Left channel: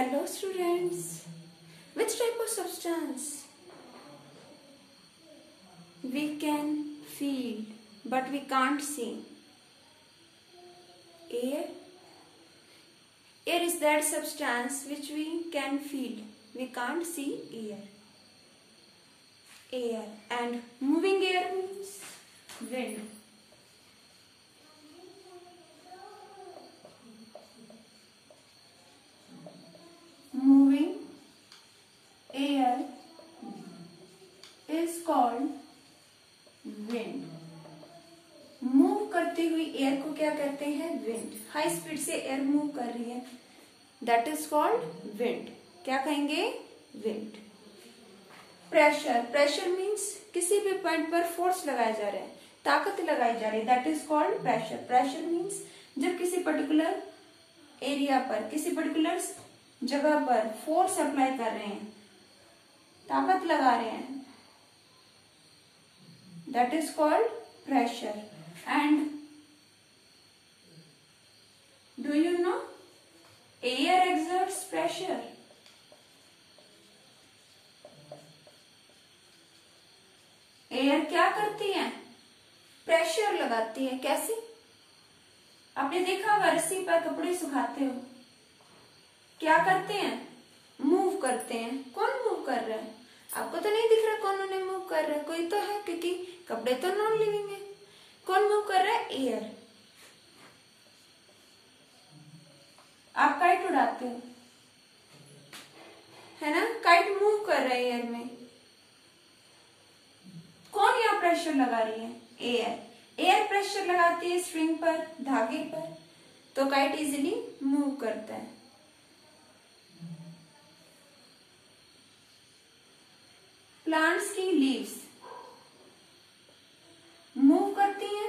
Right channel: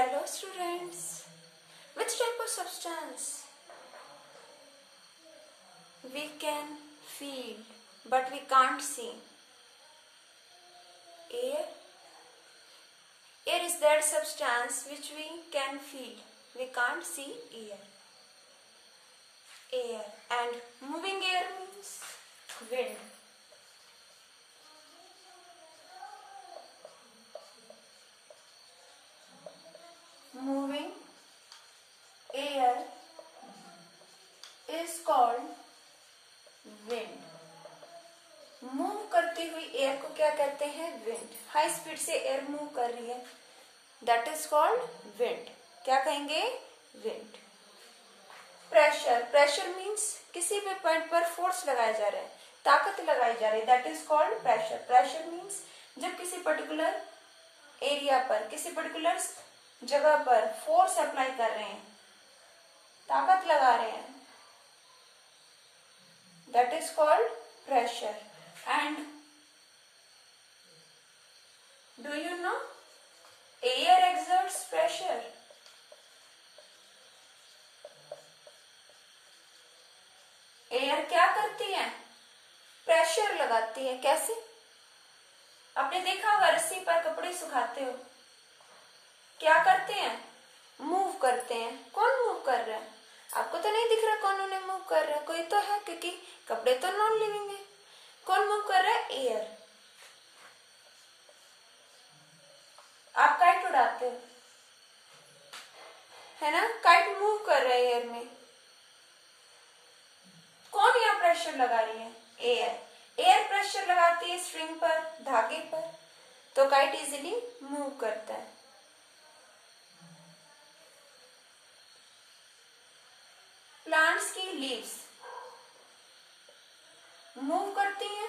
Hello students. Which type of substance we can feel but we can't see? Air. Air is that substance which we can feel. We can't see air. Air. And moving air means wind. Moving air is called wind. Move करती हुई air को क्या कहते हैं? Wind. High speed से air move कर रही है, दैट इज कॉल्ड विंड. क्या कहेंगे? विंड. प्रेशर. प्रेशर मीन्स किसी भी पॉइंट पर फोर्स लगाया जा रहा है, ताकत लगाई जा रही है, that is called pressure. Pressure means जब किसी पर्टिकुलर एरिया पर, किसी पर्टिकुलर जगह पर फोर्स अप्लाई कर रहे हैं, ताकत लगा रहे हैं, that is called pressure. And do you know air exerts pressure? Air क्या करती है? प्रेशर लगाती है. कैसे? आपने देखा होगा रस्सी पर कपड़े सुखाते हो, क्या करते हैं? मूव करते हैं. कौन मूव कर रहा है? आपको तो नहीं दिख रहा कौन उन्हें मूव कर रहा है. कोई तो है, क्योंकि कपड़े तो नॉन लिविंग है. कौन मूव कर रहा है? एयर. आप काइट उड़ाते हो, है ना? काइट मूव कर रहा है एयर में. कौन यहाँ प्रेशर लगा रही है? एयर. एयर प्रेशर लगाती है स्ट्रिंग पर, धागे पर, तो काइट इजीली मूव करता है. प्लांट्स की लीव्स मूव करती हैं,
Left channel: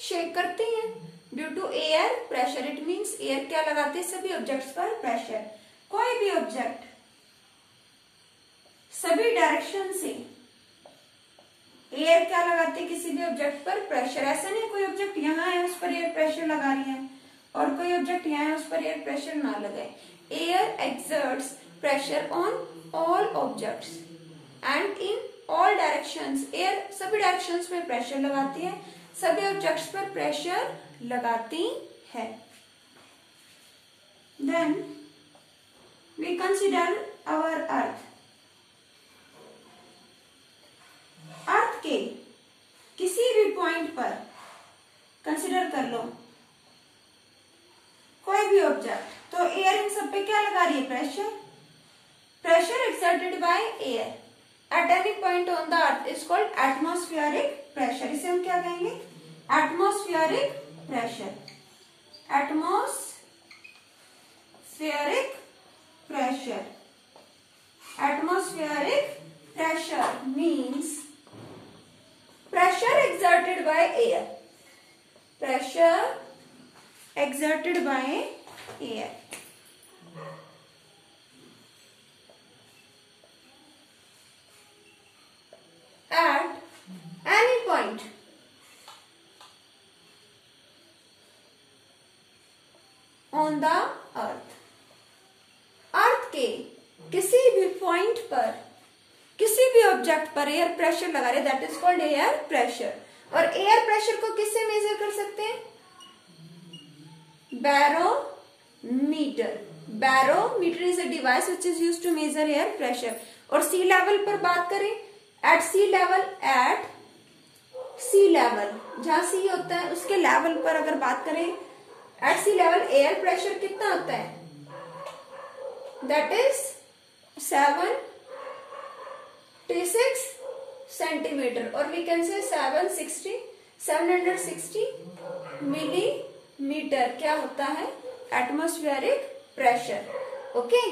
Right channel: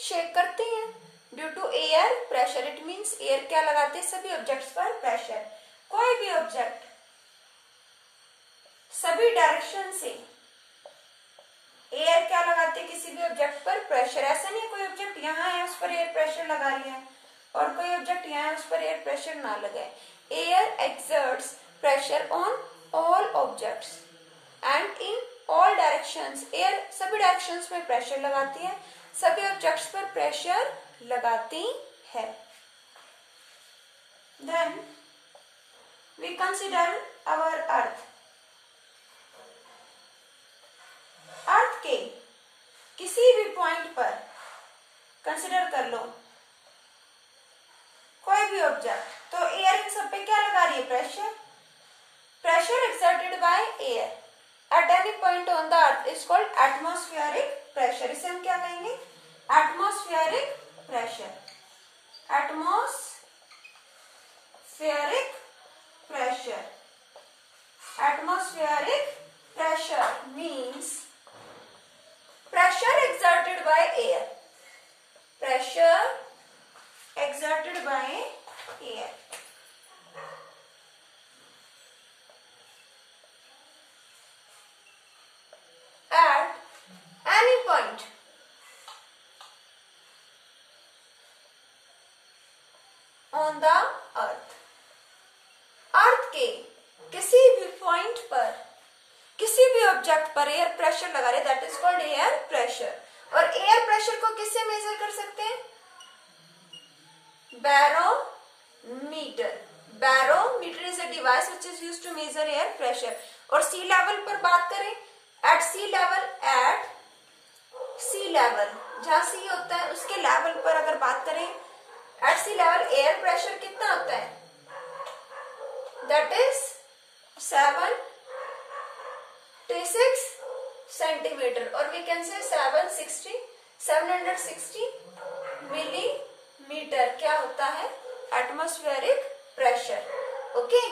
शेक करती हैं due to air pressure. It means air क्या लगाते हैं? सभी ऑब्जेक्ट्स पर प्रेशर. कोई भी ऑब्जेक्ट सभी डायरेक्शन से एयर क्या लगाते हैं? किसी भी ऑब्जेक्ट पर प्रेशर. ऐसा नहीं कोई ऑब्जेक्ट यहाँ है उस पर एयर प्रेशर लगा रही है और कोई ऑब्जेक्ट यहाँ है उस पर एयर प्रेशर ना लगाए. Air exerts pressure on all objects and in all directions. Air सभी डायरेक्शंस में प्रेशर लगाती है, सभी ऑब्जेक्ट्स पर प्रेशर लगाती है. Then we consider our earth. अर्थ के किसी भी पॉइंट पर कंसिडर कर लो कोई भी ऑब्जेक्ट, तो एयर इन सब पे क्या लगा रही है? Pressure. Pressure exerted by air at any point on the earth is called atmospheric pressure. इसे हम क्या कहेंगे? Atmospheric pressure. Atmospheric pressure. Atmospheric pressure means pressure exerted by air. Pressure exerted by air. At any point on the earth. अर्थ के किसी भी point पर, किसी भी ऑब्जेक्ट पर एयर प्रेशर लगा रहे, that is called air pressure. और एयर प्रेशर को किससे मेजर कर सकते हैं? Barometer. Barometer is a device which is used to measure air pressure. और सी लेवल पर बात करें, एट सी लेवल, जहां सी होता है उसके लेवल पर अगर बात करें, एट सी लेवल एयर प्रेशर कितना होता है? दैट इज 76 सेंटीमीटर, और वी कैन से 760 मिलीमीटर क्या होता है? Atmospheric pressure. ओके.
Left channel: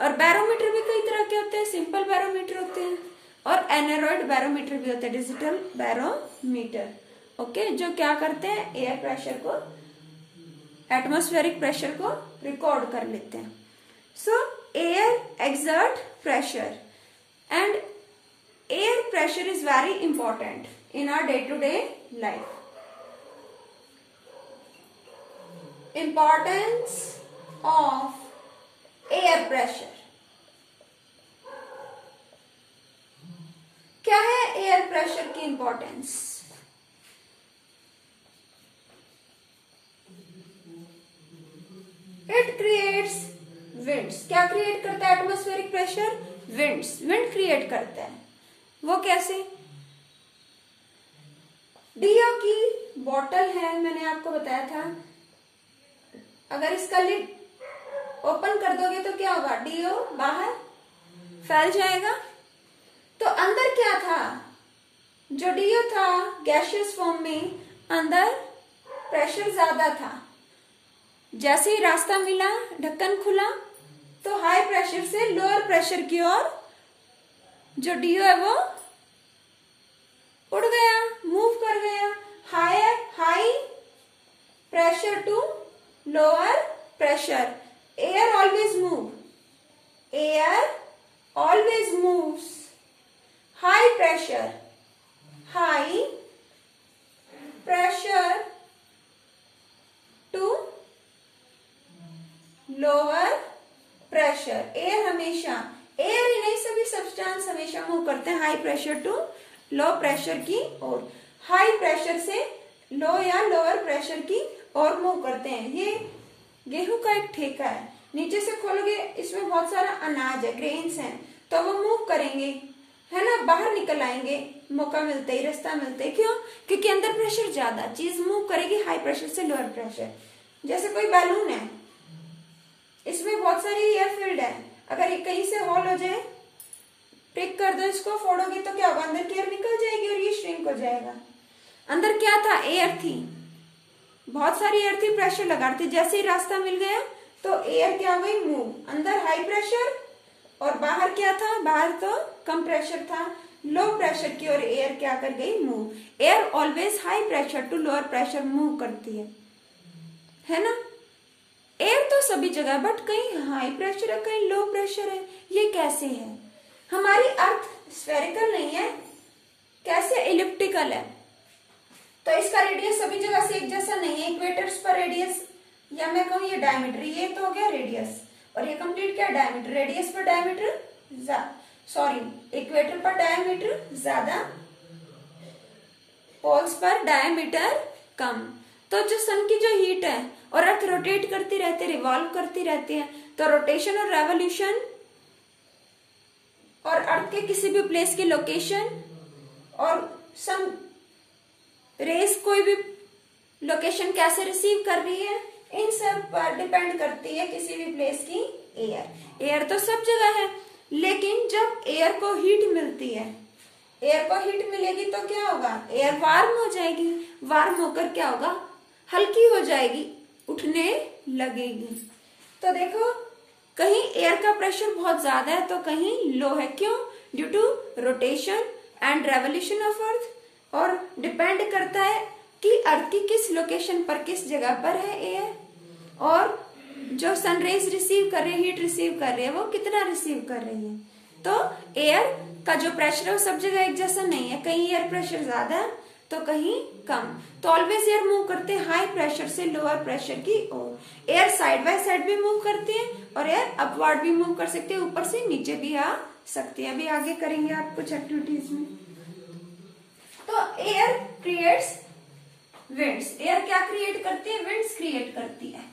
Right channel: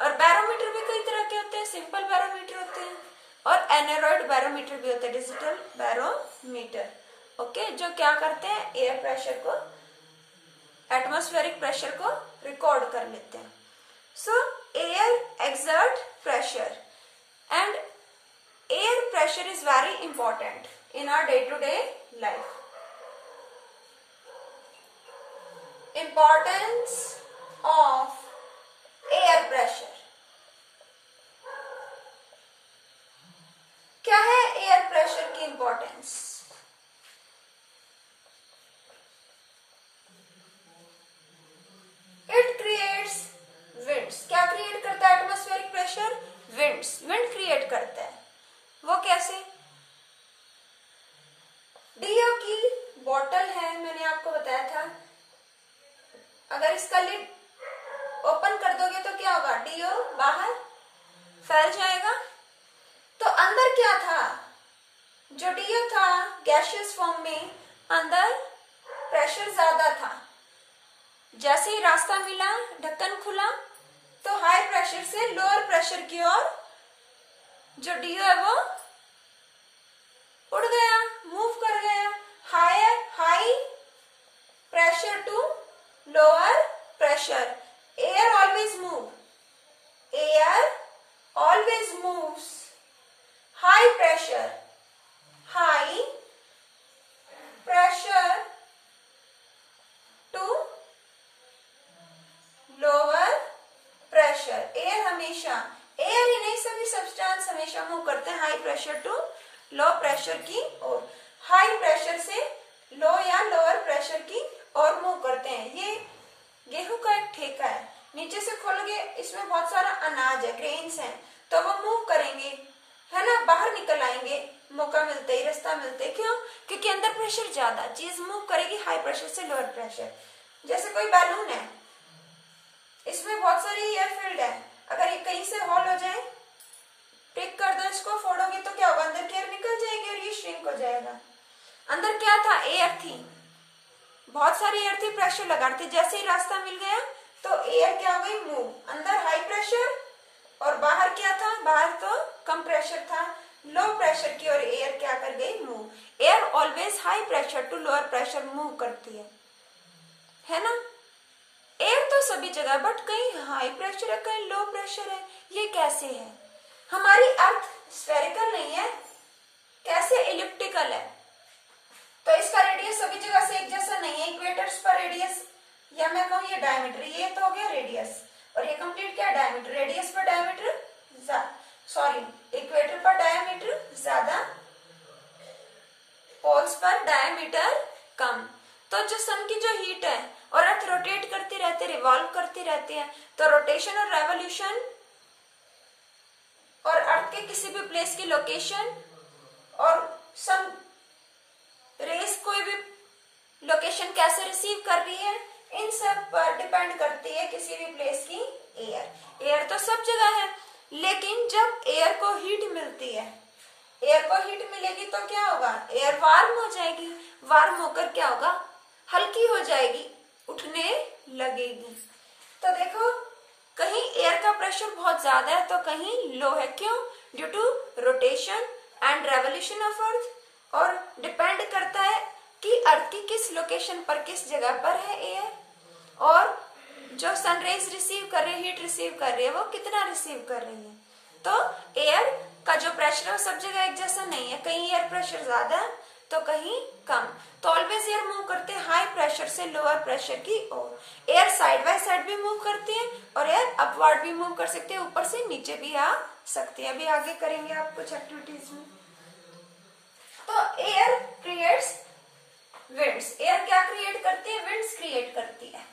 और बैरोमीटर भी कई तरह के होते हैं. सिंपल बैरोमीटर होते हैं और एनेरॉइड बैरोमीटर भी होता है, डिजिटल बैरोमीटर. ओके. जो क्या करते हैं? एयर प्रेशर को, एटमॉस्फेरिक प्रेशर को रिकॉर्ड कर लेते हैं. So air exert pressure and air pressure is very important in our day to day life. Importance of air pressure. क्या है एयर प्रेशर की इंपॉर्टेंस? It creates winds. क्या create करता है atmospheric pressure? Winds. Wind create करता है। वो कैसे? डीओ की बॉटल है, मैंने आपको बताया था, अगर इसका लिड ओपन कर दोगे तो क्या होगा? डीओ बाहर फैल जाएगा। तो अंदर क्या था? जो डीओ था गैसियस फॉर्म में, अंदर प्रेशर ज्यादा था। जैसे ही रास्ता मिला, ढक्कन खुला, तो हाई प्रेशर से लोअर प्रेशर की ओर जो डीओ है वो उड़ गया, मूव कर गया। High pressure to lower pressure. Air always move. Air always moves. High pressure to lower pressure. Air हमेशा, एयर ही नहीं सभी सब्सटेंस हमेशा मूव करते हैं high pressure to low pressure की ओर। हाई प्रेशर से लो या लोअर प्रेशर की ओर मूव करते हैं। ये गेहूं का एक ठेका है, नीचे से खोलोगे इसमें बहुत सारा अनाज है, ग्रेन्स हैं, तो वो मूव करेंगे, है ना, बाहर निकल आएंगे मौका मिलते ही, रास्ता मिलते ही। क्यों? क्योंकि अंदर प्रेशर ज्यादा, चीज मूव करेगी हाई प्रेशर से लोअर प्रेशर। जैसे कोई बैलून है, इसमें बहुत सारी एयर फील्ड है, अगर ये कहीं से होल हो जाए, पिक कर दो इसको, फोड़ोगे तो क्या होगा? अंदर की एयर निकल जाएगी और ये श्रिंक हो जाएगा। अंदर क्या था? एयर थी, बहुत सारी एयर थी, प्रेशर लगा रही थी। जैसे ही रास्ता मिल गया तो एयर क्या हुई? मूव। अंदर हाई प्रेशर और बाहर क्या था? बाहर तो कम प्रेशर था, लो प्रेशर की और एयर क्या कर गई? Move. Air always high pressure to lower pressure move करती है ना। एयर तो सभी जगह, बट कहीं हाई प्रेशर है, कहीं लो प्रेशर है। ये कैसे है? हमारी अर्थ स्फेरिकल नहीं है, कैसे? इलिप्टिकल है, तो इसका रेडियस सभी जगह से एक जैसा नहीं है। इक्वेटर्स पर रेडियस, या मैं कहूं ये डायमीटर, ये तो हो गया रेडियस, और ये कंप्लीट क्या? डायमीटर। रेडियस पर डायमीटर, सॉरी, इक्वेटर पर डायमीटर ज्यादा, पोल्स पर डायमीटर कम। तो जो सन की जो हीट है और अर्थ रोटेट करती रहती है, रिवॉल्व करती रहती है, तो रोटेशन और रेवोल्यूशन और अर्थ के किसी भी प्लेस की लोकेशन और सन रेस कोई भी लोकेशन कैसे रिसीव कर रही है, इन सब पर डिपेंड करती है किसी भी प्लेस की एयर। एयर तो सब जगह है, लेकिन जब एयर को हीट मिलती है, एयर को हीट मिलेगी तो क्या होगा? एयर वार्म हो जाएगी। वार्म होकर क्या होगा? हल्की हो जाएगी, उठने लगेगी। तो देखो, कहीं एयर का प्रेशर बहुत ज्यादा है तो कहीं लो है। क्यों? Due to rotation and revolution of earth, और डिपेंड करता है कि अर्थ की किस लोकेशन पर, किस जगह पर है एयर, और जो सनरेज रिसीव कर रही है, हीट रिसीव कर रही है, वो कितना रिसीव कर रही है। तो एयर का जो प्रेशर है वो सब जगह एक जैसा नहीं है, कहीं एयर प्रेशर ज्यादा तो कहीं कम। तो ऑलवेज एयर मूव करते हैं हाई प्रेशर से लोअर प्रेशर की ओर। एयर साइड बाय साइड भी मूव करती है और एयर अपवर्ड भी मूव कर सकती है, ऊपर से नीचे भी आ सकती है। अभी आगे करेंगे आप कुछ एक्टिविटीज में। तो एयर क्रिएट्स विंड्स। एयर क्या क्रिएट करती है? विंड्स क्रिएट करती है।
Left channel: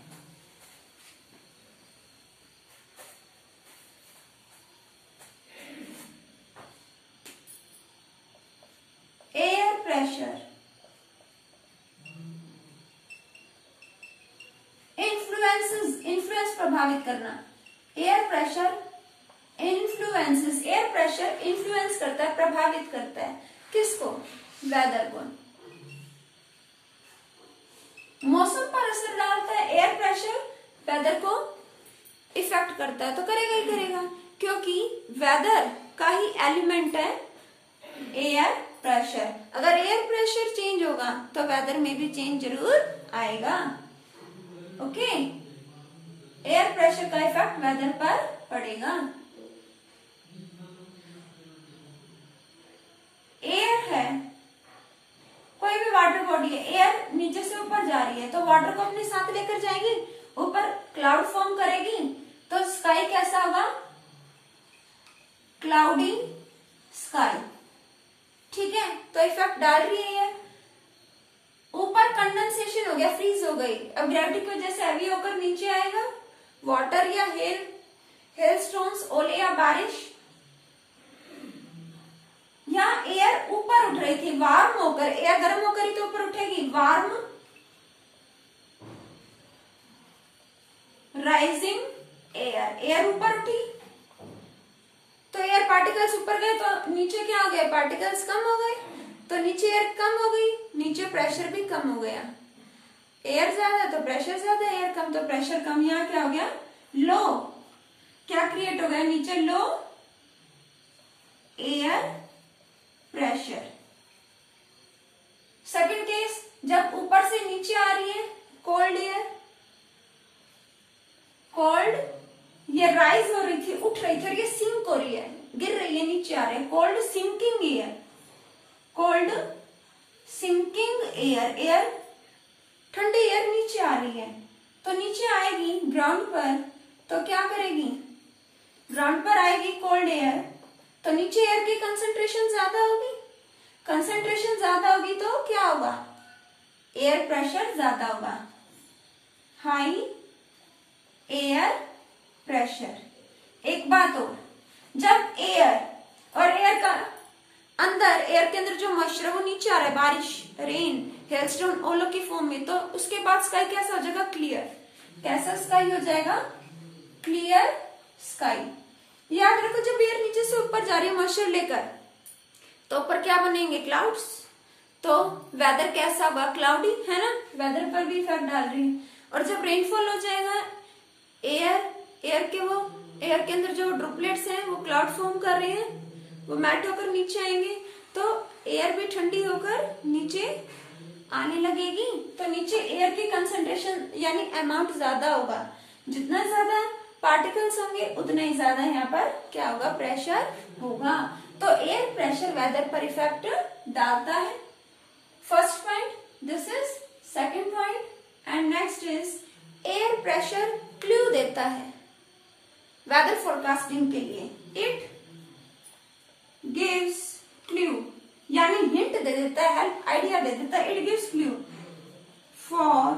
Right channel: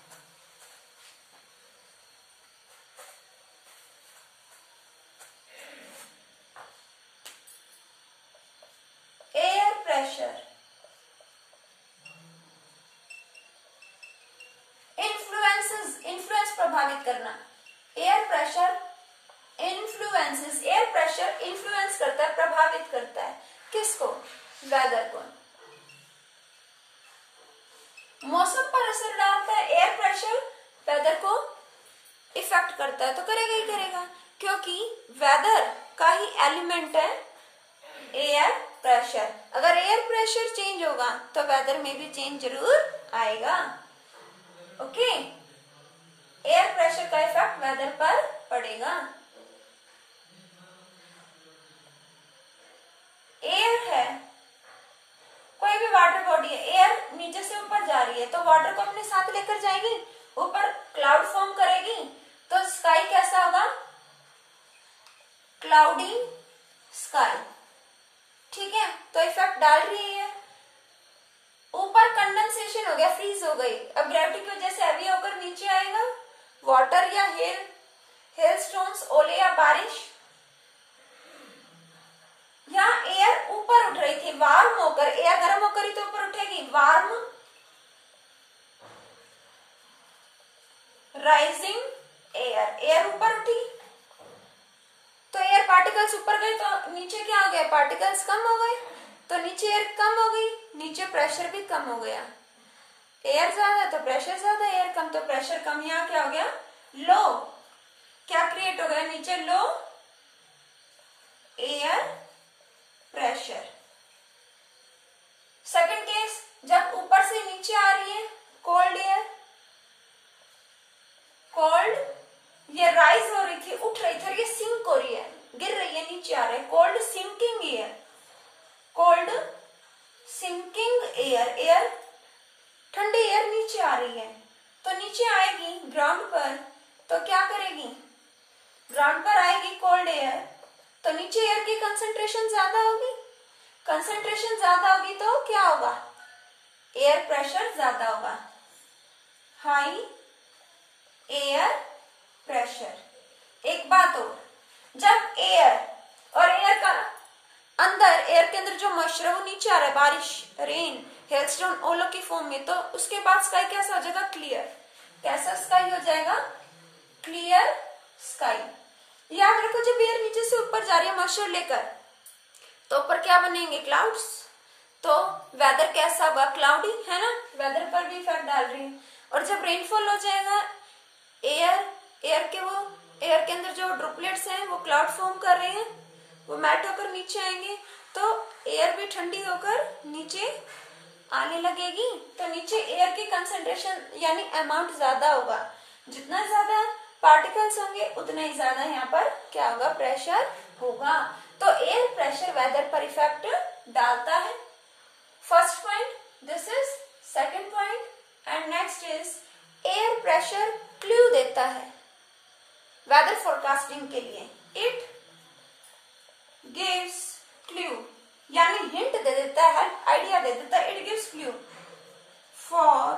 एयर प्रेशर इन्फ्लुएंस प्रभावित करना। Air pressure influences, air pressure influence करता है, प्रभावित करता है किसको? वेदर को। मौसम पर असर डालता है एयर प्रेशर, वेदर को इफेक्ट करता है, तो करेगा ही करेगा, क्योंकि वेदर का ही एलिमेंट है एयर प्रेशर। अगर एयर प्रेशर चेंज होगा तो वेदर में भी चेंज जरूर आएगा। ओके, एयर प्रेशर का इफेक्ट वेदर पर पड़ेगा। एयर है, कोई भी वाटर बॉडी है, एयर नीचे से ऊपर जा रही है तो वाटर को अपने साथ लेकर जाएगी। ऊपर क्लाउड फॉर्म करेगी तो स्काई कैसा होगा, क्लाउडी स्काई। ठीक है, तो इफेक्ट डाल रही है, ऊपर कंडेंसेशन हो गया, फ्रीज हो गई, अब ग्रेविटी की वजह से हैवी होकर नीचे आएगा, वाटर या हेल स्टोन्स, ओले या बारिश, यहाँ एयर ऊपर उठ रही थी वार्म होकर, एयर गर्म होकर ही तो ऊपर उठेगी, वार्म राइजिंग एयर, एयर ऊपर उठी तो एयर पार्टिकल्स ऊपर गए तो नीचे क्या हो गया, पार्टिकल्स कम हो गए, तो नीचे एयर कम हो गई, नीचे प्रेशर भी कम हो गया, एयर ज्यादा तो प्रेशर ज्यादा, एयर कम तो प्रेशर कम, यहाँ क्या हो गया, लो, क्या क्रिएट हो गया नीचे, लो एयर प्रेशर। सेकंड केस, जब ऊपर से नीचे आ रही है कोल्ड एयर, कोल्ड, ये राइज हो रही थी, उठ रही थी, और ये सिंक हो रही है, गिर रही है, नीचे आ रहा है, cold sinking air, cold sinking air, air ठंडी एयर नीचे आ रही है, तो नीचे आएगी ग्राउंड पर, तो क्या करेगी, ग्राउंड पर आएगी कोल्ड एयर, तो नीचे एयर की कंसंट्रेशन ज्यादा होगी, कंसंट्रेशन ज्यादा होगी तो क्या होगा, एयर प्रेशर ज्यादा होगा, हाई एयर प्रेशर। एक बात और, जब एयर और एयर का अंदर, एयर के अंदर जो मॉइस्चर है वो नीचे आ रहा है, बारिश, रेन, हेलस्टोन, ओलो की फॉर्म में, तो उसके बाद स्काई कैसा हो जाएगा, क्लियर, कैसा स्काई हो जाएगा, क्लियर स्काई। याद रखो जब एयर नीचे से ऊपर जा रही है मॉइस्चर लेकर, तो ऊपर क्या बनेंगे, क्लाउड्स, तो वेदर कैसा होगा, क्लाउडी, है ना, वेदर पर भी इफेक्ट डाल रही है। और जब रेनफॉल हो जाएगा, एयर के अंदर जो ड्रॉपलेट्स हैं वो क्लाउड फॉर्म कर रहे हैं, वो मेल्ट होकर नीचे आएंगे, तो एयर भी ठंडी होकर नीचे आने लगेगी, तो नीचे एयर की कंसंट्रेशन यानी अमाउंट ज्यादा होगा, जितना ज्यादा पार्टिकल्स होंगे उतना ही ज्यादा यहाँ पर क्या होगा, प्रेशर होगा, तो एयर प्रेशर वेदर पर इफेक्ट डालता है। First point this is, second point and next is air pressure clue देता है वेदर फोरकास्टिंग के लिए, इट गिव्स क्लू यानी हिंट दे देता है, हेल्प आइडिया दे देता है, it gives clue for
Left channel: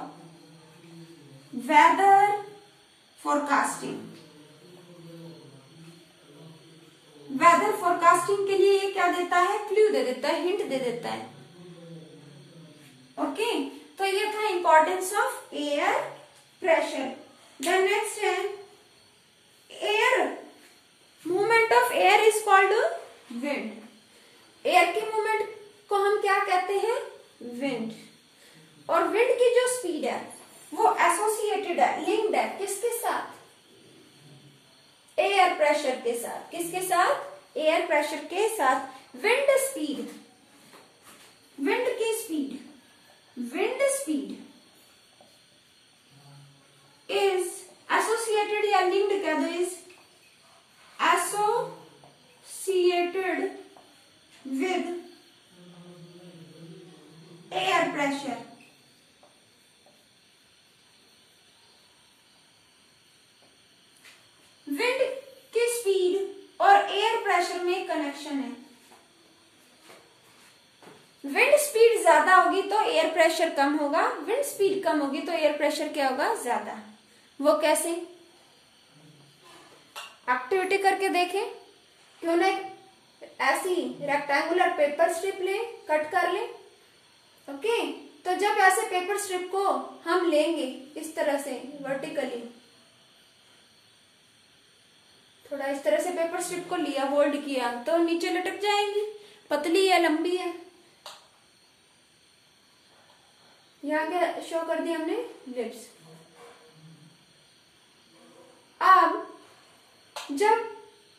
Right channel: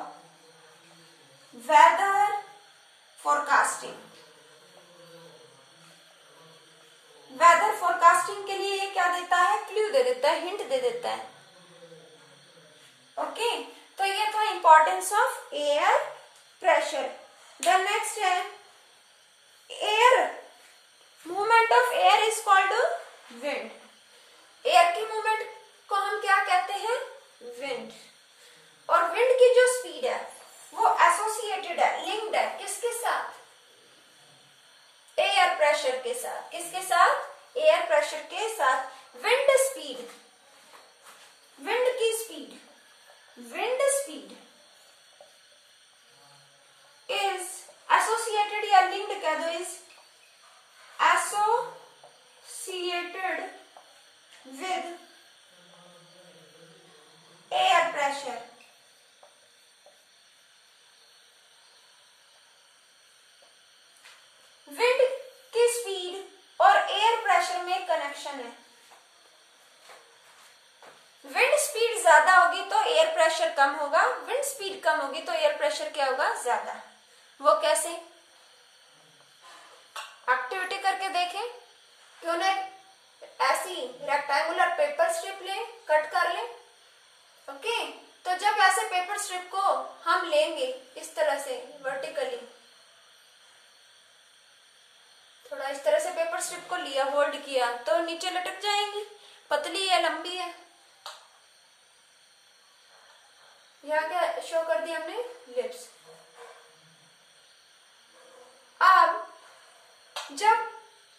weather forecasting. Weather forecasting के लिए ये क्या देता है, क्लू दे देता है, हिंट दे देता है। ओके, तो ये था importance of air pressure. Then next है air, movement of air is called wind. Air की मूवमेंट को हम क्या कहते हैं, विंड। और विंड की जो स्पीड है वो एसोसिएटेड है, लिंक्ड है किसके साथ, एयर प्रेशर के साथ। किसके साथ, एयर प्रेशर के साथ। विंड स्पीड, विंड की speed, wind speed is associated या लिंक्ड कह दो, is associated with air pressure. Wind की स्पीड और एयर प्रेशर में कनेक्शन है। विंड स्पीड ज्यादा होगी तो एयर प्रेशर कम होगा, विंड स्पीड कम होगी तो एयर प्रेशर क्या होगा, ज्यादा। वो कैसे, एक्टिविटी करके देखें, क्यों ना ऐसी रेक्टेंगुलर पेपर स्ट्रिप ले, कट कर ले। ओके, तो जब ऐसे पेपर स्ट्रिप को हम लेंगे इस तरह से वर्टिकली, थोड़ा इस तरह से पेपर स्ट्रिप को लिया, होल्ड किया, तो नीचे लटक जाएंगी, पतली है लंबी है। यहाँ क्या शो कर दिया हमने, लिप्स। अब जब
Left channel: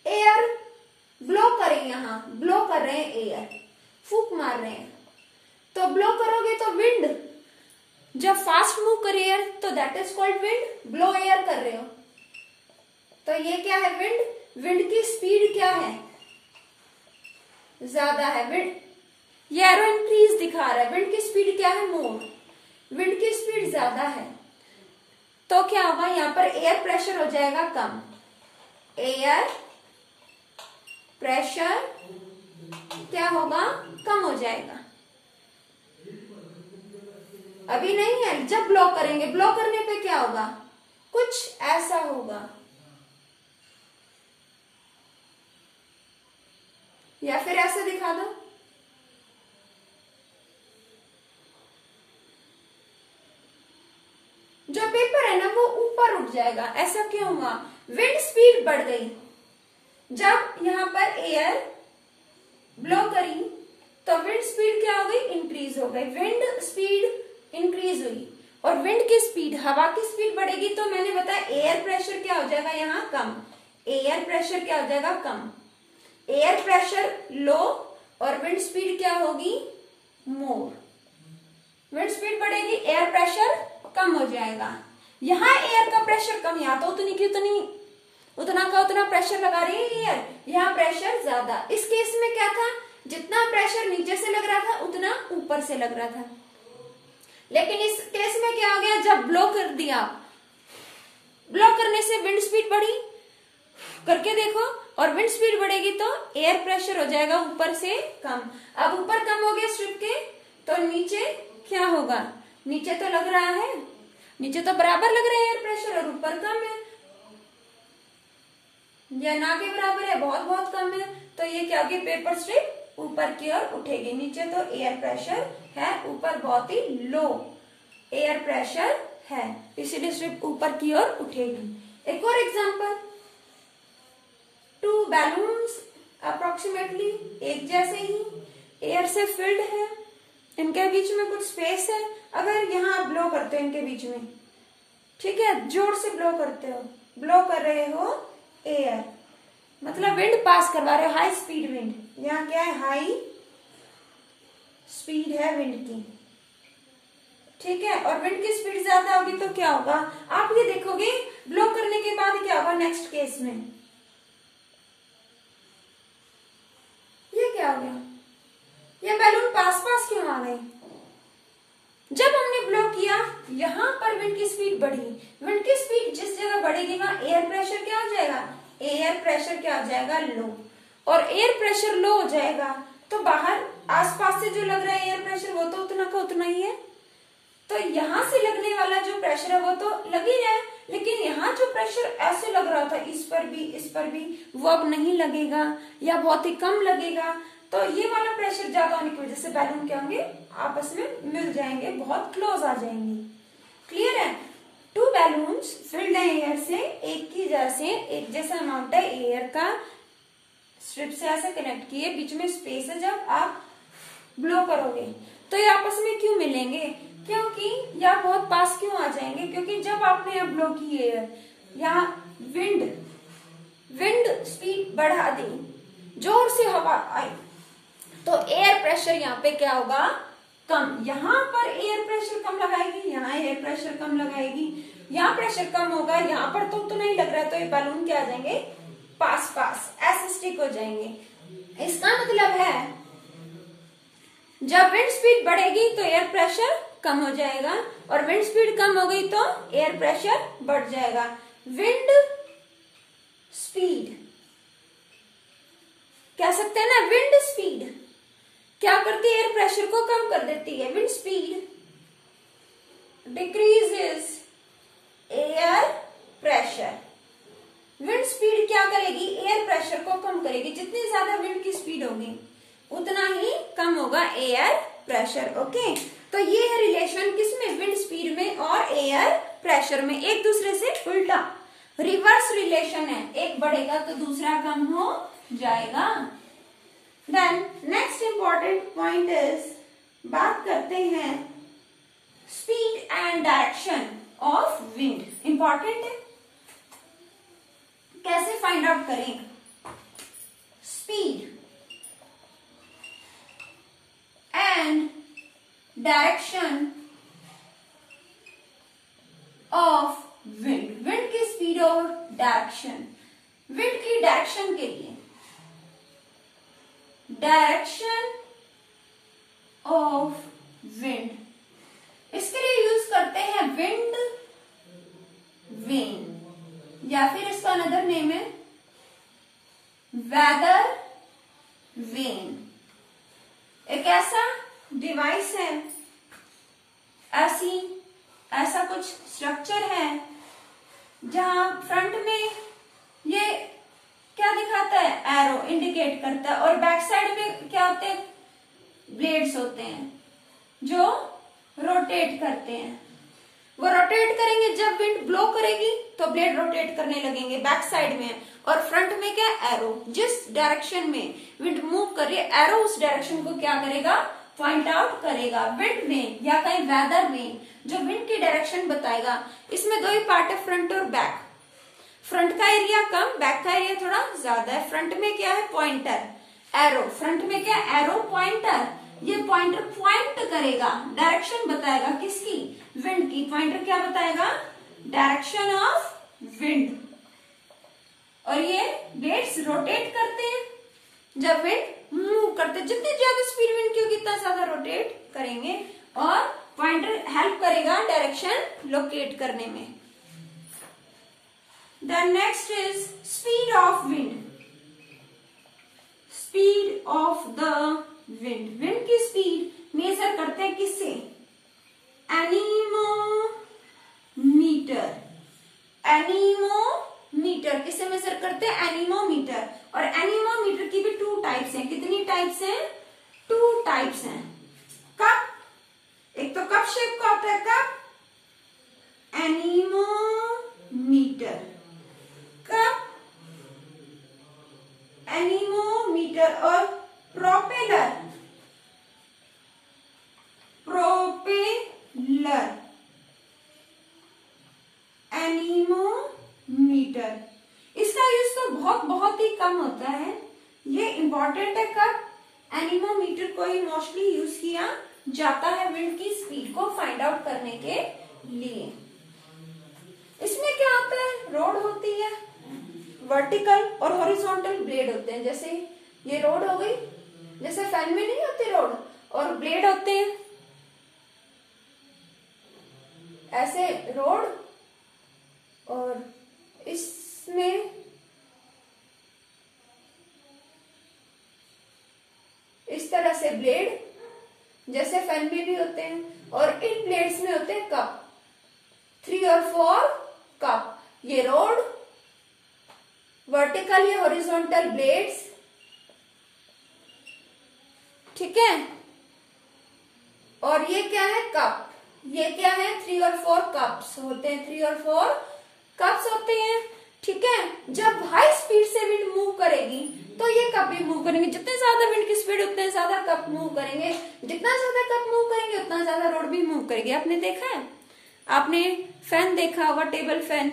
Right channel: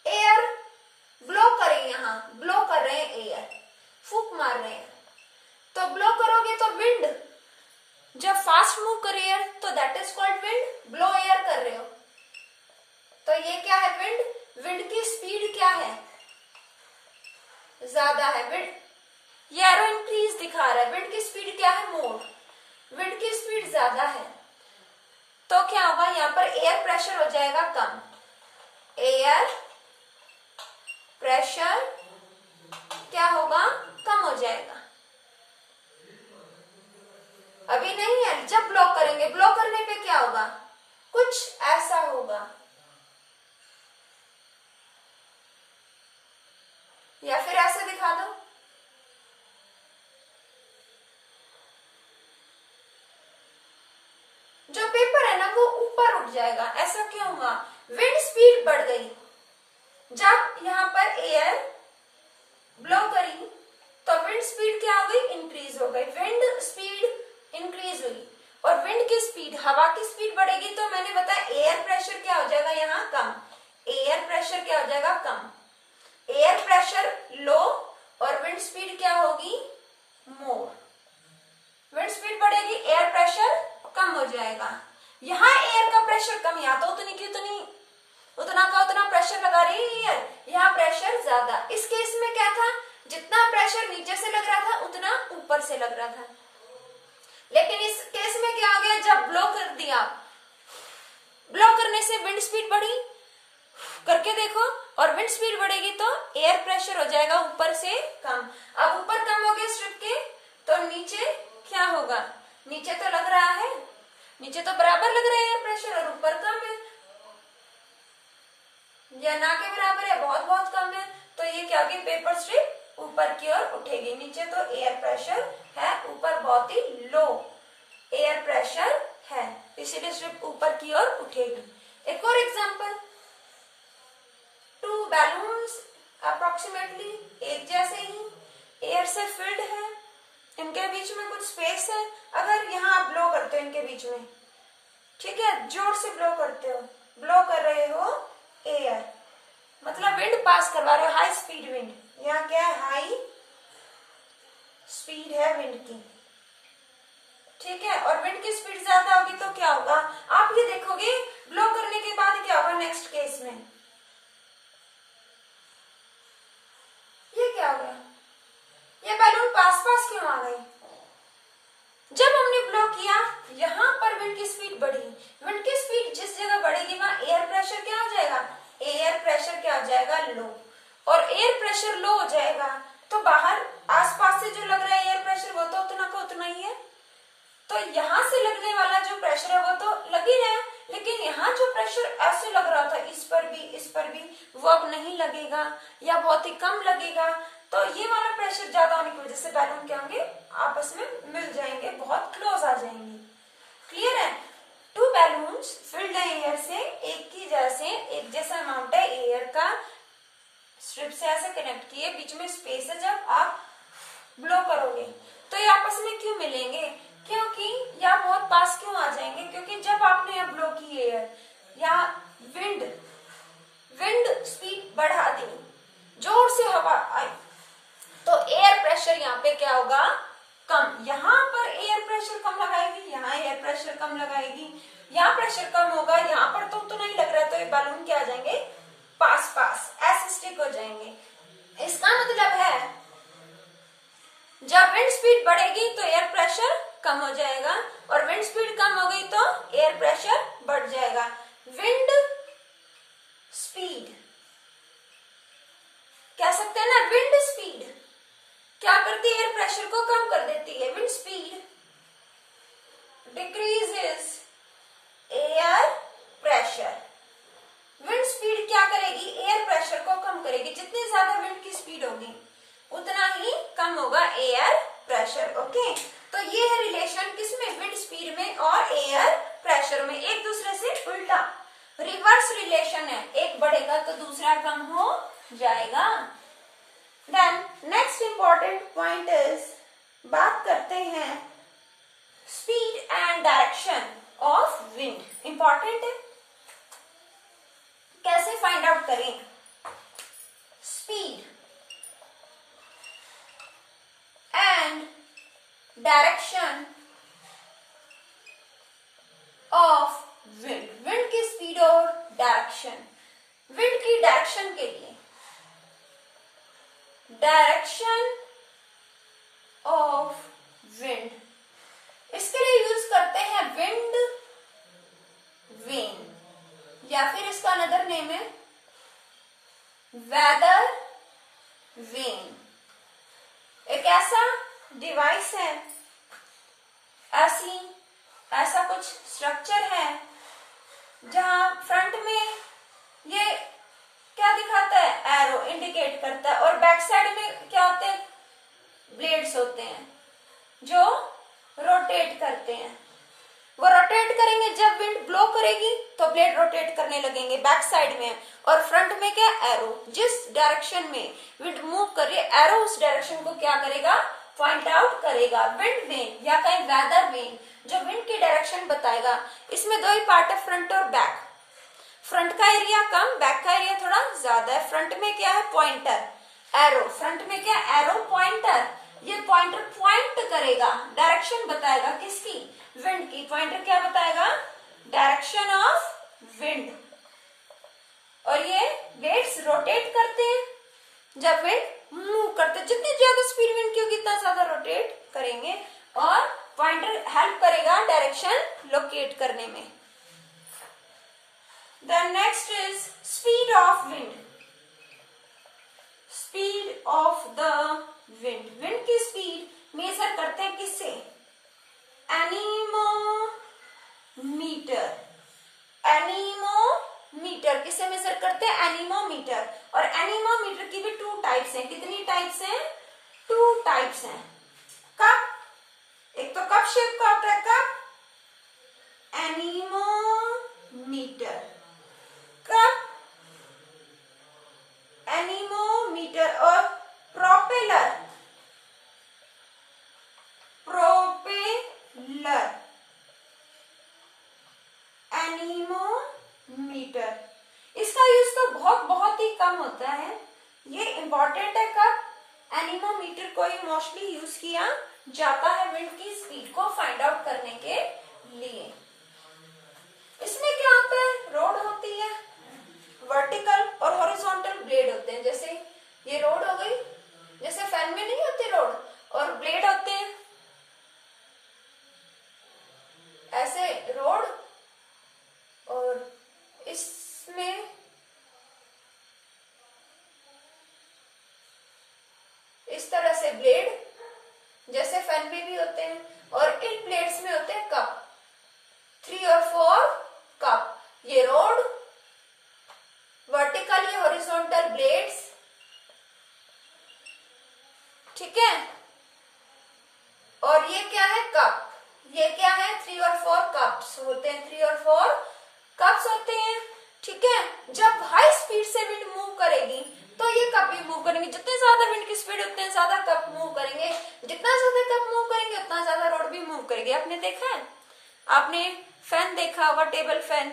एयर ब्लो करें, यहाँ ब्लो कर रहे हैं, एयर फूक मार रहे हैं, तो ब्लो करोगे तो विंड, जब फास्ट मूव करे एयर तो that is called wind, blow air कर रहे हो तो ये क्या है, विंड। विंड की स्पीड क्या है, ज्यादा है, विंड, ये एरो इंक्रीज दिखा रहा है, विंड की स्पीड क्या है, मोर, विंड की स्पीड ज्यादा है, तो क्या होगा, यहाँ पर एयर प्रेशर हो जाएगा कम, एयर प्रेशर क्या होगा, कम हो जाएगा। अभी नहीं है, जब ब्लो करेंगे, ब्लो करने पे क्या होगा, कुछ ऐसा होगा, या फिर ऐसे दिखा दो, जो पेपर है ना वो ऊपर उठ जाएगा। ऐसा क्यों हुआ, विंड स्पीड बढ़ गई। जब यहाँ पर एयर ब्लो करी तो विंड स्पीड क्या हो गई, इंक्रीज हो गई, विंड स्पीड इंक्रीज हुई, और विंड की स्पीड, हवा की स्पीड बढ़ेगी तो मैंने बताया एयर प्रेशर क्या हो जाएगा यहाँ कम, एयर प्रेशर क्या हो जाएगा कम, एयर प्रेशर लो और विंड स्पीड क्या होगी, मोर, विंड स्पीड बढ़ेगी, एयर प्रेशर कम हो जाएगा। यहाँ एयर का प्रेशर कम, यहाँ तो उतनी की उतनी, उतना का उतना प्रेशर लगा रही है एयर, यहाँ प्रेशर ज्यादा। इस केस में क्या था, जितना प्रेशर नीचे से लग रहा था उतना ऊपर से लग रहा था, लेकिन इस केस में क्या हो गया, जब ब्लो कर दिया, ब्लो करने से विंड स्पीड बढ़ी, करके देखो, और विंड स्पीड बढ़ेगी तो एयर प्रेशर हो जाएगा ऊपर से कम। अब ऊपर कम हो गया स्ट्रिप के, तो नीचे क्या होगा, नीचे तो लग रहा है, नीचे तो बराबर लग रहा है एयर प्रेशर, और ऊपर कम है, या ना के बराबर है, बहुत बहुत कम है, तो ये क्या होगी, पेपर स्ट्रिप ऊपर की ओर उठेगी। नीचे तो एयर प्रेशर है, ऊपर बहुत ही लो एयर प्रेशर है, इसीलिए स्ट्रिप ऊपर की ओर उठेगी। एक और एग्जांपल, टू बैलून्स अप्रोक्सीमेटली एक जैसे ही एयर से फिल्ड है, इनके बीच में कुछ स्पेस है, अगर यहाँ आप ब्लो करते हो इनके बीच में, ठीक है, जोर से ब्लो करते हो, ब्लो कर रहे हो एयर, मतलब विंड पास करवा रहे हो, हाई स्पीड विंड, यहाँ क्या है, हाई स्पीड है विंड की, ठीक है, और विंड की स्पीड ज्यादा होगी तो क्या होगा, आप ये देखोगे ब्लो करने के बाद क्या होगा नेक्स्ट केस में, ये क्या हो गया, ये बैलून पास पास क्यों आ गई, जब हमने ब्लो किया यहाँ पर विंड की स्पीड बढ़ी, विंड की स्पीड जिस जगह बढ़ेगी वहां एयर प्रेशर क्या हो जाएगा, एयर प्रेशर क्या हो जाएगा, लो, और एयर प्रेशर लो हो जाएगा तो बाहर आसपास से जो लग रहा है एयर प्रेशर वो तो उतना का उतना ही है, तो यहाँ से लगने वाला जो प्रेशर है वो तो लग ही रहा है, लेकिन यहाँ जो प्रेशर ऐसे लग रहा था इस पर भी वो अब नहीं लगेगा या बहुत ही कम लगेगा, तो ये वाला प्रेशर ज्यादा होने की वजह से बैलून क्या होंगे, आपस में मिल जाएंगे, बहुत क्लोज आ जाएंगे। क्लियर है, टू बैलून्स फिल्ड है एयर से, एक जैसा अमाउंट है एयर का, स्ट्रिप से ऐसे कनेक्ट किए, बीच में स्पेस है, जब आप ब्लो करोगे तो ये आपस में क्यों मिलेंगे, क्योंकि या बहुत पास क्यों आ जाएंगे, क्योंकि जब आपने अब ब्लो की एयर या विंड स्पीड बढ़ा दी, जोर से हवा आई, तो एयर प्रेशर यहाँ पे क्या होगा, कम, यहाँ पर एयर प्रेशर कम लगाएगी, यहाँ एयर प्रेशर कम लगाएगी, यहाँ प्रेशर कम होगा, यहाँ पर तो नहीं लग रहा है, तो ये बैलून क्या आ जाएंगे, पास पास ऐसे स्टिक हो जाएंगे। इसका मतलब है जब विंड स्पीड बढ़ेगी तो एयर प्रेशर कम हो जाएगा, और विंड स्पीड कम हो गई तो एयर प्रेशर बढ़ जाएगा। विंड स्पीड कह सकते हैं ना, विंड स्पीड क्या करती है, एयर प्रेशर को कम कर देती है, wind speed decreases air pressure, wind speed क्या करेगी, एयर प्रेशर को कम करेगी, जितनी ज्यादा विंड की स्पीड होगी उतना ही कम होगा एयर प्रेशर। ओके, तो ये है रिलेशन किसमें, विंड स्पीड में और एयर प्रेशर में, एक दूसरे से उल्टा रिवर्स रिलेशन है, एक बढ़ेगा तो दूसरा कम हो जाएगा। Then next important point is, बात करते हैं speed and direction of wind. Important है, कैसे फाइंड आउट करें, speed and direction of wind, wind की स्पीड और डायरेक्शन, विंड की डायरेक्शन के लिए डायरेक्शन ऑफ विंड, इसके लिए यूज करते हैं विंड या फिर इसका अनदर नेम है वेदर वेन। एक ऐसा डिवाइस है, ऐसा कुछ स्ट्रक्चर है जहां फ्रंट में ये क्या दिखाता है, एरो इंडिकेट करता है, और बैक साइड में क्या होते हैं, ब्लेड्स होते हैं जो रोटेट करते हैं। वो रोटेट करेंगे, जब विंड ब्लो करेगी तो ब्लेड रोटेट करने लगेंगे बैक साइड में, और फ्रंट में क्या, एरो। जिस डायरेक्शन में विंड मूव कर रही है, एरो उस डायरेक्शन को क्या करेगा, पॉइंट आउट करेगा। विंड वेन या कहीं वेदर वेन जो विंड की डायरेक्शन बताएगा। इसमें दो ही पार्ट है, फ्रंट और बैक। फ्रंट का एरिया कम, बैक का एरिया थोड़ा ज्यादा है। फ्रंट में क्या है, पॉइंटर, एरो। फ्रंट में क्या, एरो, पॉइंटर। ये पॉइंटर पॉइंट करेगा, डायरेक्शन बताएगा किसकी, विंड की। पॉइंटर क्या बताएगा, डायरेक्शन ऑफ विंड। और ये ब्लेड्स रोटेट करते हैं जब विंड मूव करते हैं। जितनी ज्यादा स्पीड विंड की होगी उतना ज्यादा रोटेट करेंगे, और पॉइंटर हेल्प करेगा डायरेक्शन लोकेट करने में। Then next is speed of wind. Speed of the wind. Wind की स्पीड मेजर करते हैं किससे, एनीमोमीटर। एनीमोमीटर किससे मेजर करते हैं, एनीमोमीटर। और एनीमोमीटर की भी टू टाइप्स हैं। कितनी टाइप्स हैं, टू टाइप्स हैं। कप, एक तो कप शेप का होता है कप, एनीमोमीटर। Cup, anemometer. और प्रोपेलर, एनीमोमीटर। इसका यूज तो बहुत ही कम होता है। ये इंपॉर्टेंट है कब, एनीमोमीटर को ही मोस्टली यूज किया जाता है विंड की स्पीड को फाइंड आउट करने के लिए। इसमें क्या होता है, रोड होती है, वर्टिकल और हॉरिजॉन्टल ब्लेड होते हैं। जैसे ये रोड हो गई, जैसे फैन में नहीं होती रोड, और ब्लेड होते हैं ऐसे रोड, और इसमें इस तरह से ब्लेड जैसे फैन में भी होते हैं। और इन ब्लेड्स में होते हैं कप, 3 और 4 कप। ये रोड, वर्टिकल या हॉरिजॉन्टल ब्लेड्स, ठीक है। और ये क्या है, कप। ये क्या है, 3 और 4 कप्स होते हैं, 3 और 4 कप्स होते हैं, ठीक है। जब हाई स्पीड से विंड मूव करेगी तो ये कप भी मूव करेंगे। जितने ज्यादा विंड की स्पीड उतने ज्यादा कप मूव करेंगे। जितना ज्यादा कप मूव करेंगे उतना ज्यादा रोड भी मूव करेगी। आपने देखा है, आपने फैन देखा होगा, टेबल फैन,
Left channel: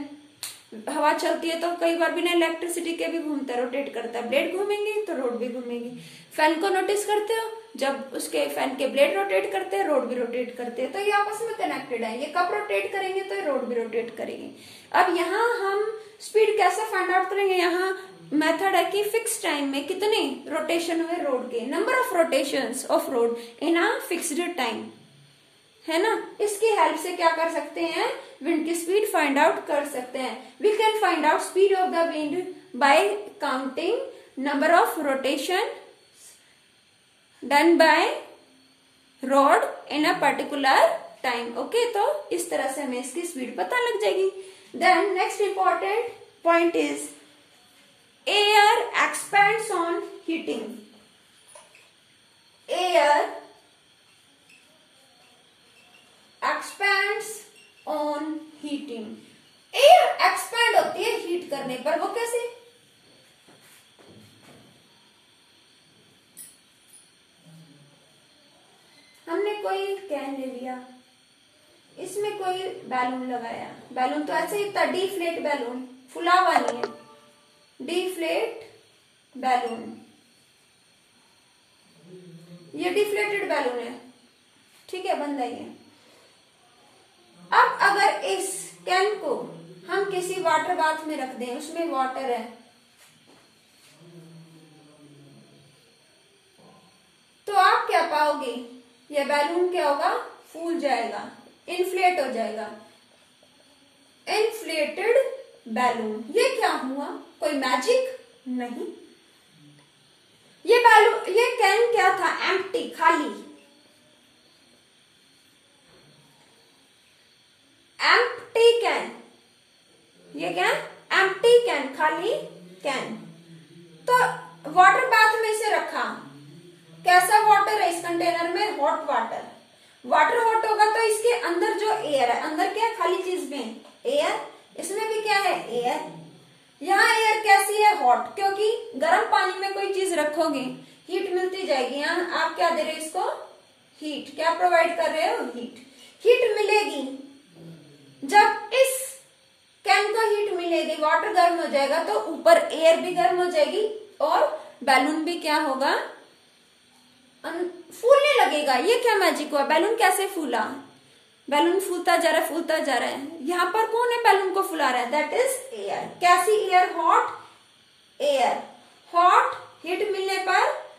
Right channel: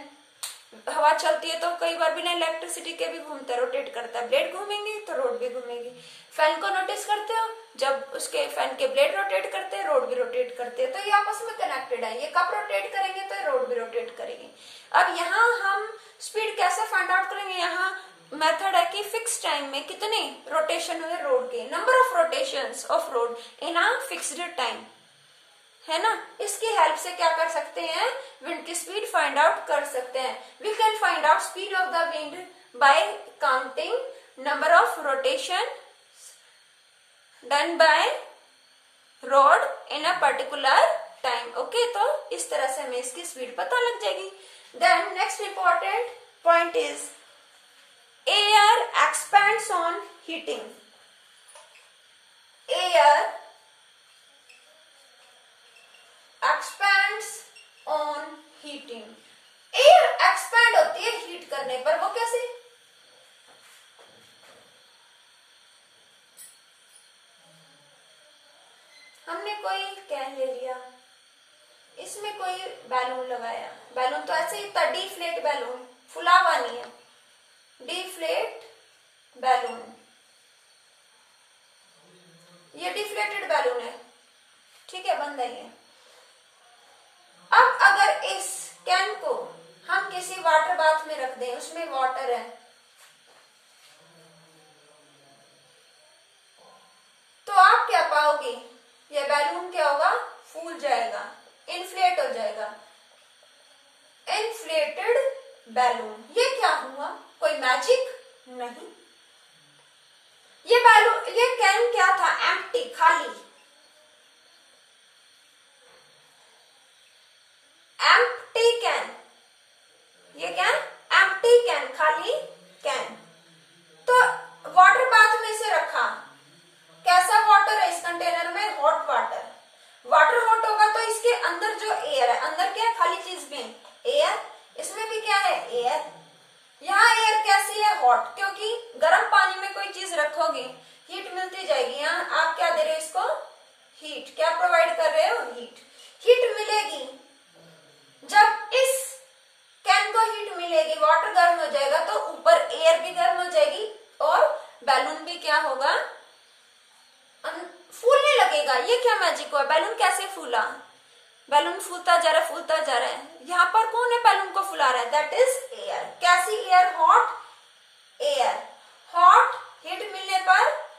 हवा चलती है तो कई बार बिना इलेक्ट्रिसिटी के भी घूमता है, रोटेट करता है। ब्लेड घूमेंगे तो रोड भी घूमेगी। फैन को नोटिस करते हो, जब उसके फैन के ब्लेड रोटेट करते हैं, रोड भी रोटेट करते हैं। तो ये आपस में कनेक्टेड है। ये कप रोटेट करेंगे तो रोड भी रोटेट करेंगे। अब यहाँ हम स्पीड कैसे फाइंड आउट करेंगे, यहाँ मेथड है कि फिक्स टाइम में कितने रोटेशन हुए रोड के, number of rotations of road in a fixed time, है ना। इसकी हेल्प से क्या कर सकते हैं, विंड की स्पीड फाइंड आउट कर सकते हैं। We can find out speed of the wind by counting number of rotation done by rod in a particular time. Okay, तो इस तरह से हमें इसकी स्पीड पता लग जाएगी। Then next important point is air expands on heating. Air expands on heating. Air expand होती है हीट करने पर। वो कैसे, हमने कोई कैन ले लिया, इसमें कोई बैलून लगाया। बैलून तो ऐसे ही था, डीफ्लेट बैलून, फुला हुआ नहीं है, डीफ्लेट बैलून। ये डिफ्लेटेड बैलून है, ठीक है, बंद है ये। अब अगर इस कैन को हम किसी वाटर बाथ में रख दें, उसमें वाटर है, तो आप क्या पाओगे, यह बैलून क्या होगा, फूल जाएगा, इन्फ्लेट हो जाएगा। Inflated balloon. ये क्या हुआ, कोई मैजिक नहीं। ये बैलून, ये कैन क्या था, एम्प्टी, खाली। एम्प्टी कैन, ये क्या, एम्प्टी कैन, खाली कैन। तो वाटर बाथ में से रखा, कैसा वाटर है इस कंटेनर में, हॉट वाटर। वाटर हॉट होगा तो इसके अंदर जो एयर है, अंदर क्या है, खाली चीज में एयर, इसमें भी क्या है, एयर। यहाँ एयर कैसी है, हॉट, क्योंकि गर्म पानी में कोई चीज रखोगे हीट मिलती जाएगी। यहाँ आप क्या दे रहे हो इसको, हीट, क्या प्रोवाइड कर रहे हो, हीट। हीट मिलेगी, जब इस कैन को हीट मिलेगी, वाटर गर्म हो जाएगा तो ऊपर एयर भी गर्म हो जाएगी और बैलून भी क्या होगा, फूलने लगेगा। ये क्या मैजिक हुआ, बैलून कैसे फूला, बैलून फूलता जा रहा है, फूलता जा रहा है। यहाँ पर कौन है बैलून को फुला रहा है, दैट इज एयर। कैसी air, hot air. Hot, heat मिलने पर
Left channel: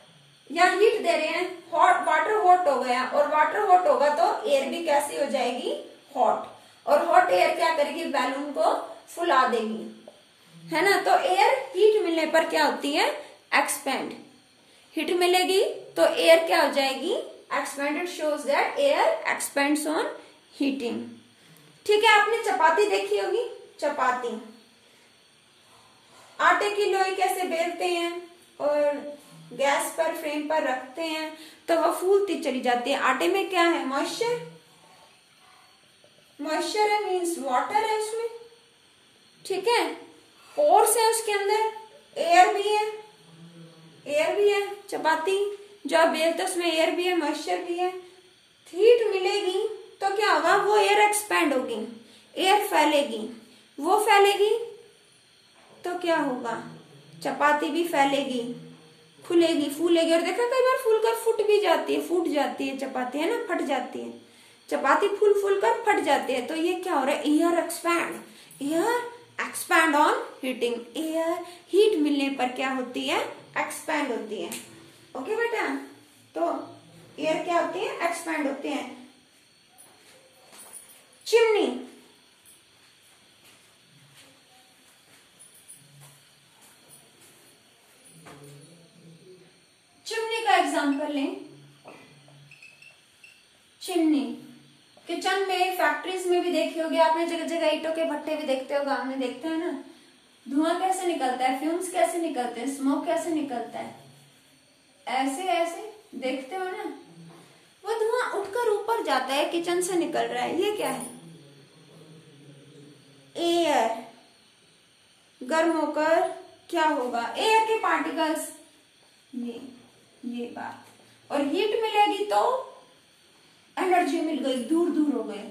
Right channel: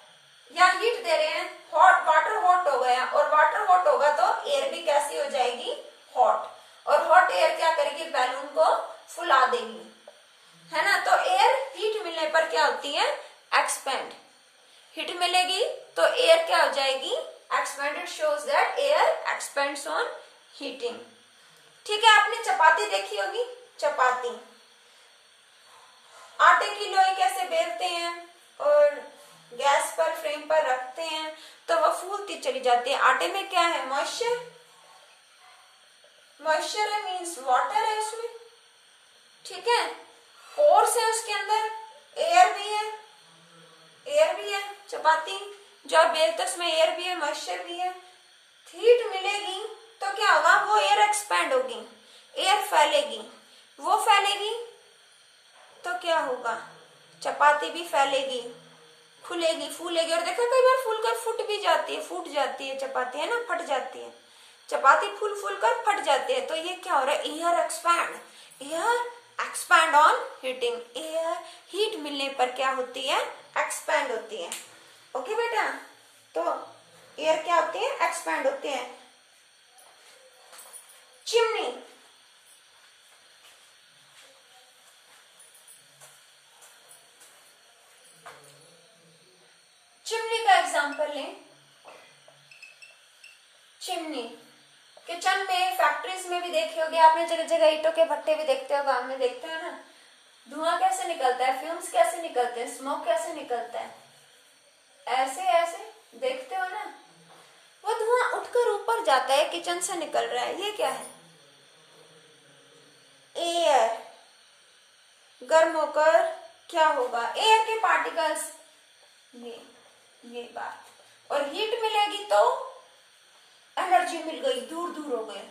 या हीट दे रहे हैं, हॉट, वाटर हॉट हो गया, और वाटर हॉट होगा तो एयर भी कैसी हो जाएगी, हॉट। और हॉट एयर क्या करेगी, बैलून को फुला देगी, है ना। तो एयर हीट मिलने पर क्या होती है, एक्सपेंड। हीट मिलेगी तो एयर क्या हो जाएगी, expand. It shows that air expends on heating. ठीक है, आपने चपाती देखी होगी, चपाती, आटे की लोई कैसे बेलते हैं और गैस पर, फ्लेम पर रखते हैं तो वह फूलती चली जाती है। आटे में क्या है, मॉइस्चर, मॉइस्चर है, मीन्स वाटर है उसमें, ठीक है। पोर्स है उसके अंदर, एयर भी है, एयर भी है। चपाती जो आप बेलते उसमें एयर भी है, मॉइस्चर भी है। हीट मिलेगी तो क्या होगा, वो एयर एक्सपैंड होगी, एयर फैलेगी, वो फैलेगी तो क्या होगा, चपाती भी फैलेगी, खुलेगी, फूलेगी। और देखा कई बार फूल कर फूट भी जाती है, फूट जाती है चपाती, है ना, फट जाती है चपाती, फूल फूल कर फट जाती है। तो ये क्या हो रहा है, air expand, air expand on heating. Air heat मिलने पर क्या होती है, एक्सपैंड होती है। ओके बेटा, तो एयर क्या होती है, एक्सपैंड होती है। चिमनी, चिमनी का एग्जांपल लें। चिमनी किचन में, फैक्ट्रीज में भी देखी होगी आपने, जगह जगह ईंटों के भट्टे भी देखते हो, गांव में देखते हो ना। धुआं कैसे निकलता है, फ्यूम्स कैसे निकलते हैं, स्मोक कैसे निकलता है, ऐसे ऐसे देखते हो ना। वो धुआं उठकर ऊपर जाता है, किचन से निकल रहा है। ये क्या है, एयर। गर्म होकर क्या होगा, एयर के पार्टिकल्स, ये बात। और हीट मिलेगी तो एनर्जी मिल गई, दूर दूर हो गए।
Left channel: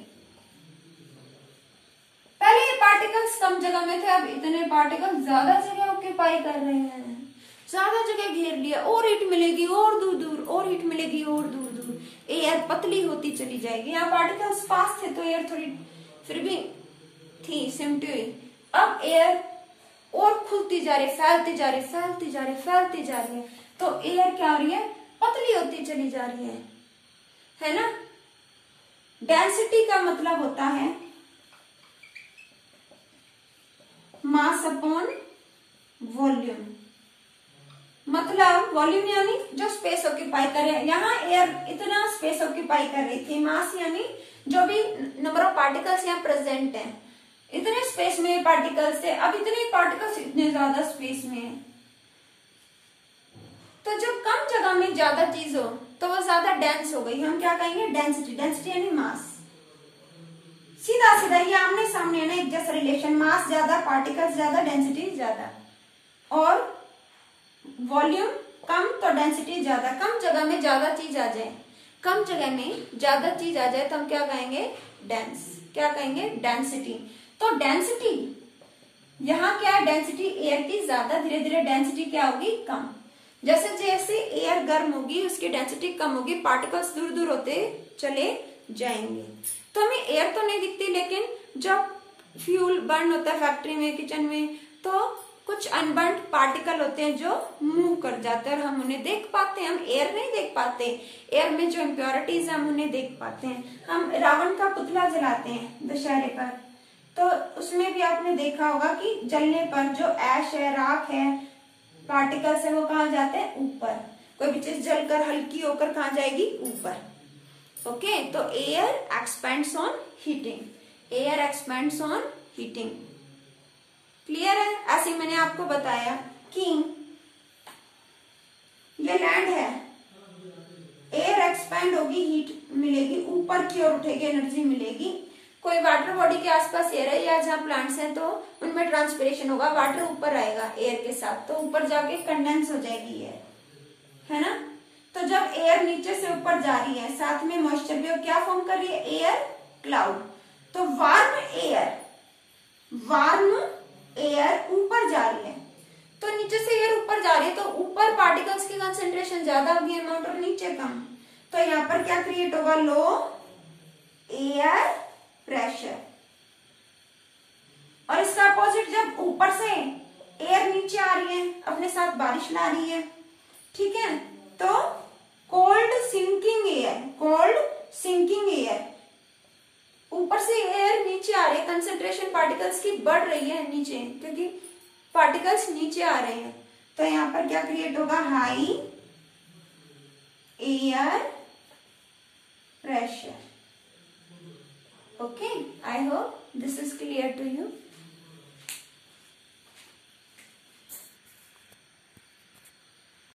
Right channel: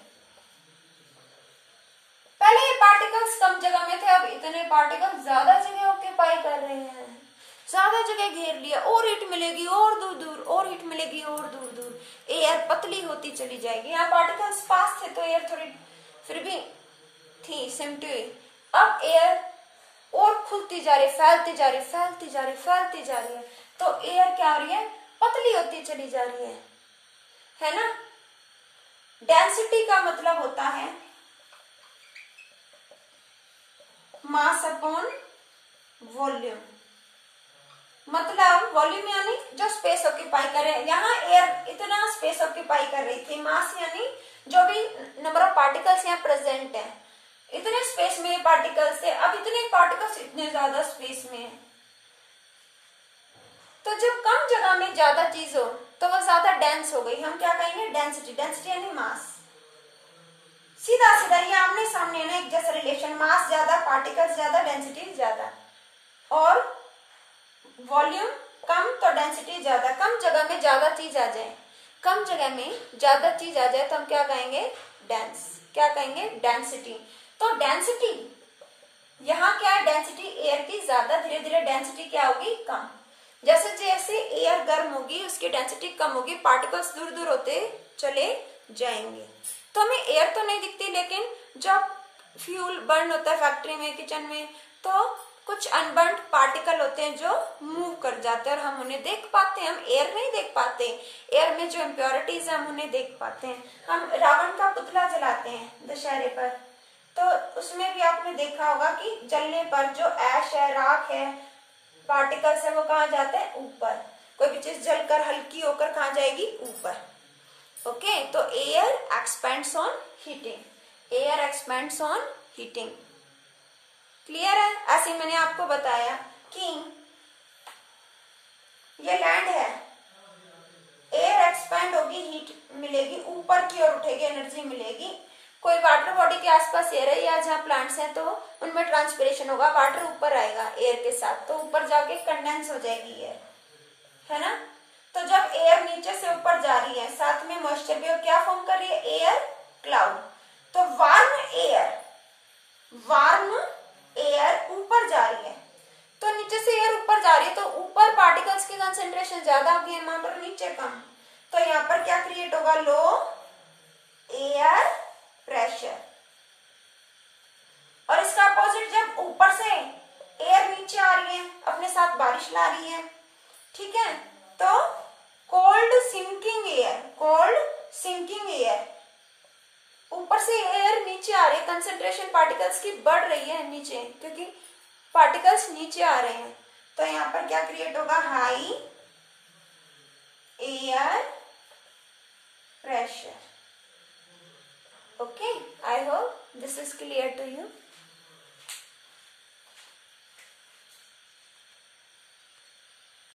पहले ये पार्टिकल्स कम जगह में थे, अब इतने पार्टिकल्स ज्यादा जगह ऑक्यूपाई कर रहे हैं, ज्यादा जगह घेर लिया, और हीट मिलेगी और दूर दूर, और हीट मिलेगी और दूर दूर। एयर पतली होती चली जाएगी। यहाँ पार्टिकल्स पास थे तो एयर थोड़ी फिर भी थी, सिमटी हुई। अब एयर और खुलती जा रही, फैलती जा रही, फैलती जा रही, फैलती जा रही है। तो एयर क्या हो रही है, पतली होती चली जा रही है ना। डेंसिटी का मतलब होता है मास अपॉन वॉल्यूम। मतलब वॉल्यूम यानी जो स्पेस ऑक्यूपाई करे। यहाँ एयर इतना स्पेस ऑक्यूपाई कर रही थी, मास यानी जो भी नंबर ऑफ पार्टिकल्स यहाँ प्रेजेंट है, इतने स्पेस में पार्टिकल्स थे, अब इतने पार्टिकल्स इतने ज्यादा स्पेस में है। तो जब कम जगह में ज्यादा चीज हो तो वो ज्यादा डेंस हो गई। हम क्या कहेंगे, डेंसिटी। डेंसिटी यानी मास। सीधा सीधा ये आमने सामने ना एक जैसा रिलेशन, मास ज्यादा, पार्टिकल्स ज्यादा, डेंसिटी ज्यादा। और वॉल्यूम कम तो डेंसिटी ज्यादा। कम जगह में ज्यादा चीज आ जाए, कम जगह में ज्यादा चीज आ जाए तो हम क्या कहेंगे, डेंस। क्या कहेंगे, डेंसिटी। तो डेंसिटी यहाँ क्या है, डेंसिटी एयर की ज्यादा, धीरे धीरे डेंसिटी क्या होगी, कम। जैसे जैसे एयर गर्म होगी उसकी डेंसिटी कम होगी, पार्टिकल्स दूर दूर होते चले जाएंगे। तो हमें एयर तो नहीं दिखती, लेकिन जब फ्यूल बर्न होता है फैक्ट्री में, किचन में, तो कुछ अनबर्न पार्टिकल होते हैं जो मूव कर जाते हैं और हम उन्हें देख पाते हैं। हम एयर नहीं देख पाते, एयर में जो इम्प्योरिटीज है हम उन्हें देख पाते हैं। हम रावण का पुतला जलाते हैं दशहरे पर, तो उसमें भी आपने देखा होगा कि जलने पर जो ऐश है, राख है, पार्टिकल्स है, वो कहाँ जाते हैं? ऊपर। कोई भी चीज जलकर हल्की होकर कहाँ जाएगी? ऊपर। ओके, तो air expends on heating, air expends on heating. Clear है? ऐसे मैंने आपको बताया कि ये लैंड है, एयर एक्सपेंड होगी, हीट मिलेगी, ऊपर की ओर उठेगी, एनर्जी मिलेगी। कोई वाटर बॉडी के आसपास एयर है या जहाँ प्लांट्स हैं तो उनमें ट्रांसपिरेशन होगा, वाटर ऊपर आएगा एयर के साथ, तो ऊपर जाके कंडेंस हो जाएगी एयर, है ना। तो जब एयर नीचे से ऊपर जा रही है, साथ में मॉइस्चर भी, और क्या फॉर्म कर रही है? Air cloud. तो वार्म एयर ऊपर जा रही है, तो नीचे से एयर ऊपर जा रही है, तो ऊपर पार्टिकल्स की कंसेंट्रेशन ज्यादा होगी अमाउंट और नीचे कम। तो यहाँ पर क्या क्रिएट होगा? लो एयर प्रेशर। और इसका अपोजिट, जब ऊपर से एयर नीचे आ रही है, अपने साथ बारिश ला रही है, ठीक है, तो कोल्ड सिंकिंग एयर, ऊपर से एयर नीचे आ रही है, कंसेंट्रेशन पार्टिकल्स की बढ़ रही है नीचे, क्योंकि पार्टिकल्स नीचे आ रहे हैं, तो यहाँ पर क्या क्रिएट होगा? High air pressure. Okay, I hope this is clear to you.